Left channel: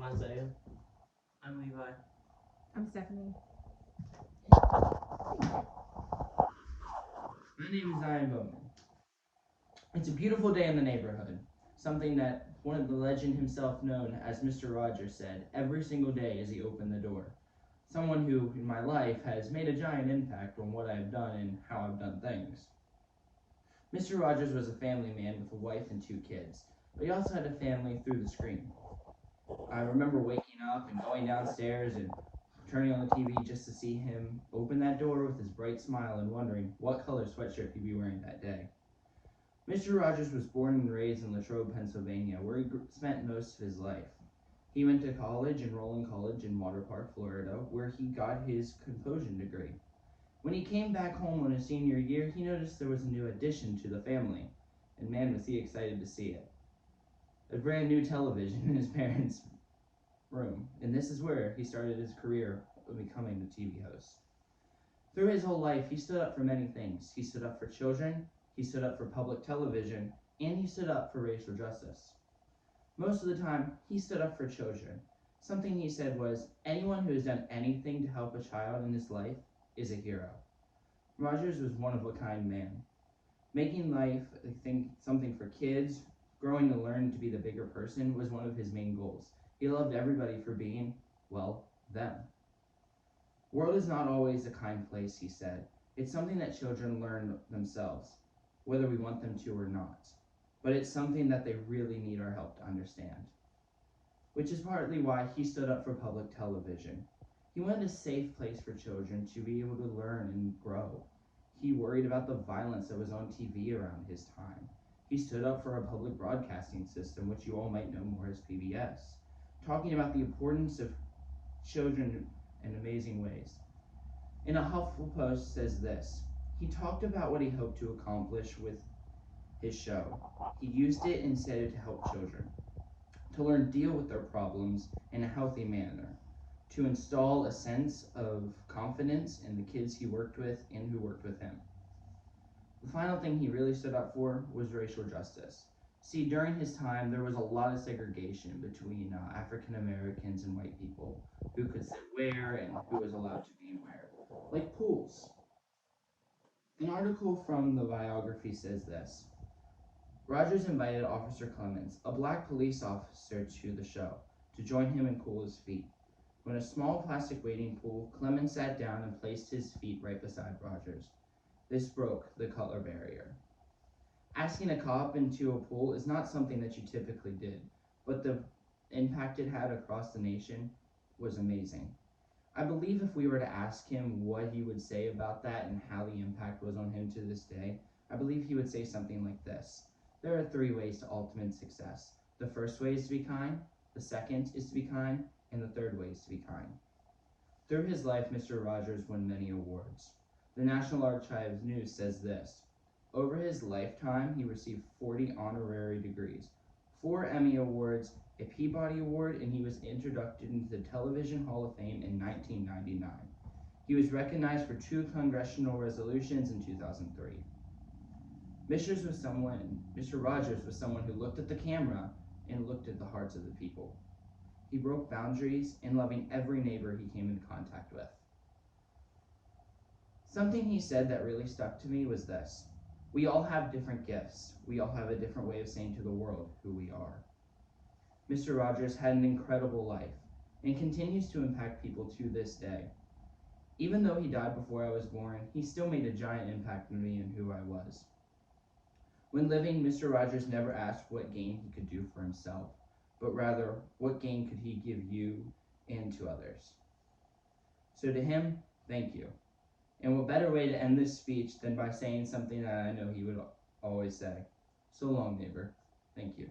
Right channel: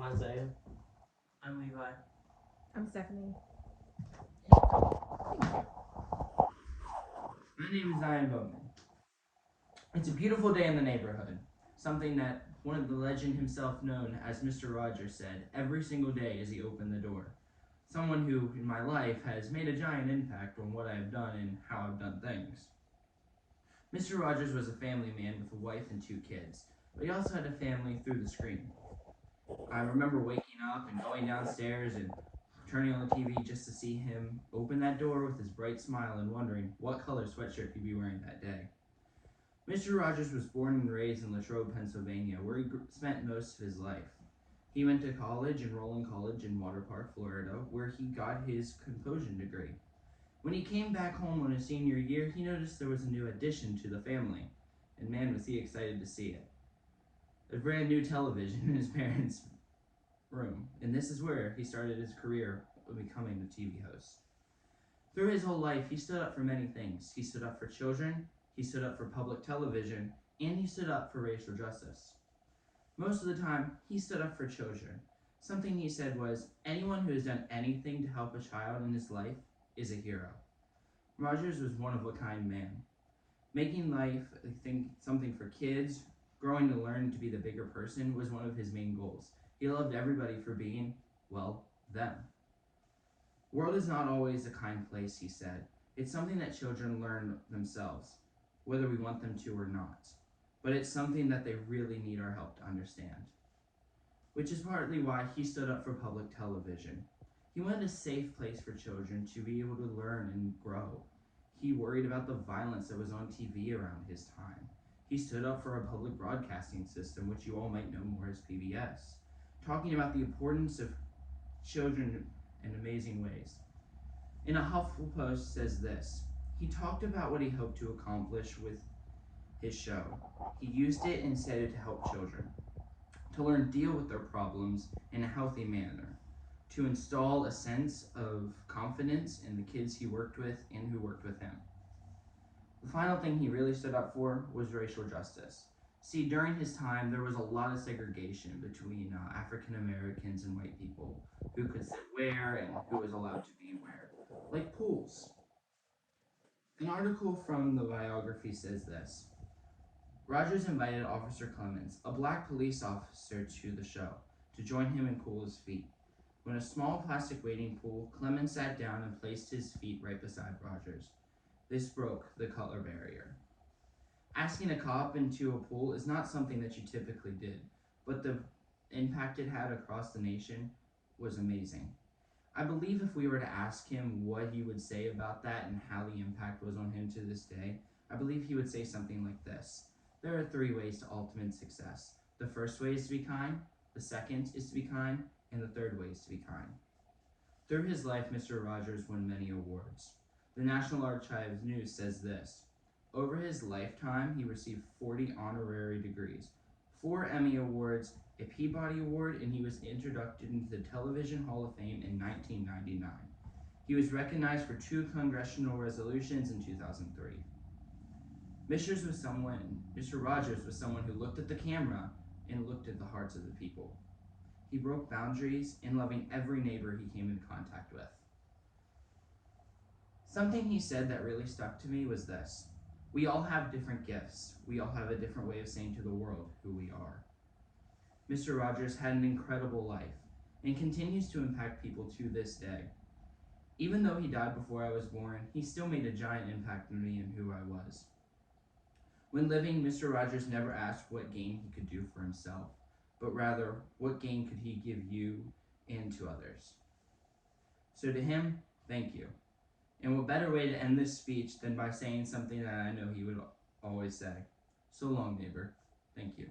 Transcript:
I'm Isaiah. I'm Levi. I'm Stephanie. My name is Ian Bowman. It's a beautiful day in the neighborhood, something that one of the legend himself known as Mr. Rogers said every single day as he opened the door. Someone who, in my life, has made a giant impact on what I've done and how I've done things. Mr. Rogers was a family man with a wife and 2 kids, but he also had a family through the screen. I remember waking up and going downstairs and turning on the TV just to see him open that door with his bright smile and wondering what color sweatshirt he'd be wearing that day. Mr. Rogers was born and raised in Latrobe, Pennsylvania, where he spent most of his life. He went to college in Roland College in Water Park, Florida, where he got his composition degree. When he came back home on his senior year, he noticed there was a new addition to the family, and man was he excited to see it. A brand new television in his parents' room, and this is where he started his career of becoming a TV host. Through his whole life, he stood up for many things. He stood up for children, he stood up for public television, and he stood up for racial justice. Most of the time, he stood up for children. Something he said was, anyone who has done anything to help a child in his life is a hero. Rogers was one of a kind man. Making life, I think, something for kids, growing to learn to be the bigger person was one of his main goals. He loved everybody for being, well, them. World is not always a kind place, he said. It's something that children learn themselves, whether we want them to or not. But it's something that they really need our help to understand. Which is partly why he stood up for public television. He wanted a safe place for children to be able to learn and grow. He worried about the violence that was on TV around his time. He stood up for a public broadcasting system, which you all might know more as PBS, talking about the importance of children in amazing ways. In a HuffPost says this, he talked about what he hoped to accomplish with his show. He used it and said it to help children, to learn deal with their problems in a healthy manner, to install a sense of confidence in the kids he worked with and who worked with him. The final thing he really stood up for was racial justice. See, during his time, there was a lot of segregation between African Americans and white people, who could sit where and who was allowed to be where, like pools. An article from the biography says this, Rogers invited Officer Clemens, a black police officer, to the show, to join him and cool his feet. When a small plastic wading pool, Clemens sat down and placed his feet right beside Rogers. This broke the color barrier. Asking a cop into a pool is not something that you typically did, but the impact it had across the nation was amazing. I believe if we were to ask him what he would say about that and how the impact was on him to this day, I believe he would say something like this. There are 3 ways to ultimate success. The first way is to be kind, the second is to be kind, and the third way is to be kind. Through his life, Mr. Rogers won many awards. The National Archives News says this, over his lifetime, he received 40 honorary degrees, 4 Emmy Awards, a Peabody Award, and he was inducted into the Television Hall of Fame in 1999. He was recognized for 2 congressional resolutions in 2003. Mr. Rogers was someone who looked at the camera and looked at the hearts of the people. He broke boundaries in loving every neighbor he came in contact with. Something he said that really stuck to me was this. We all have different gifts. We all have a different way of saying to the world who we are. Mr. Rogers had an incredible life and continues to impact people to this day. Even though he died before I was born, he still made a giant impact on me and who I was. When living, Mr. Rogers never asked what gain he could do for himself, but rather, what gain could he give you and to others? So to him, thank you. And what better way to end this speech than by saying something that I know he would always say. So long, neighbor. Thank you.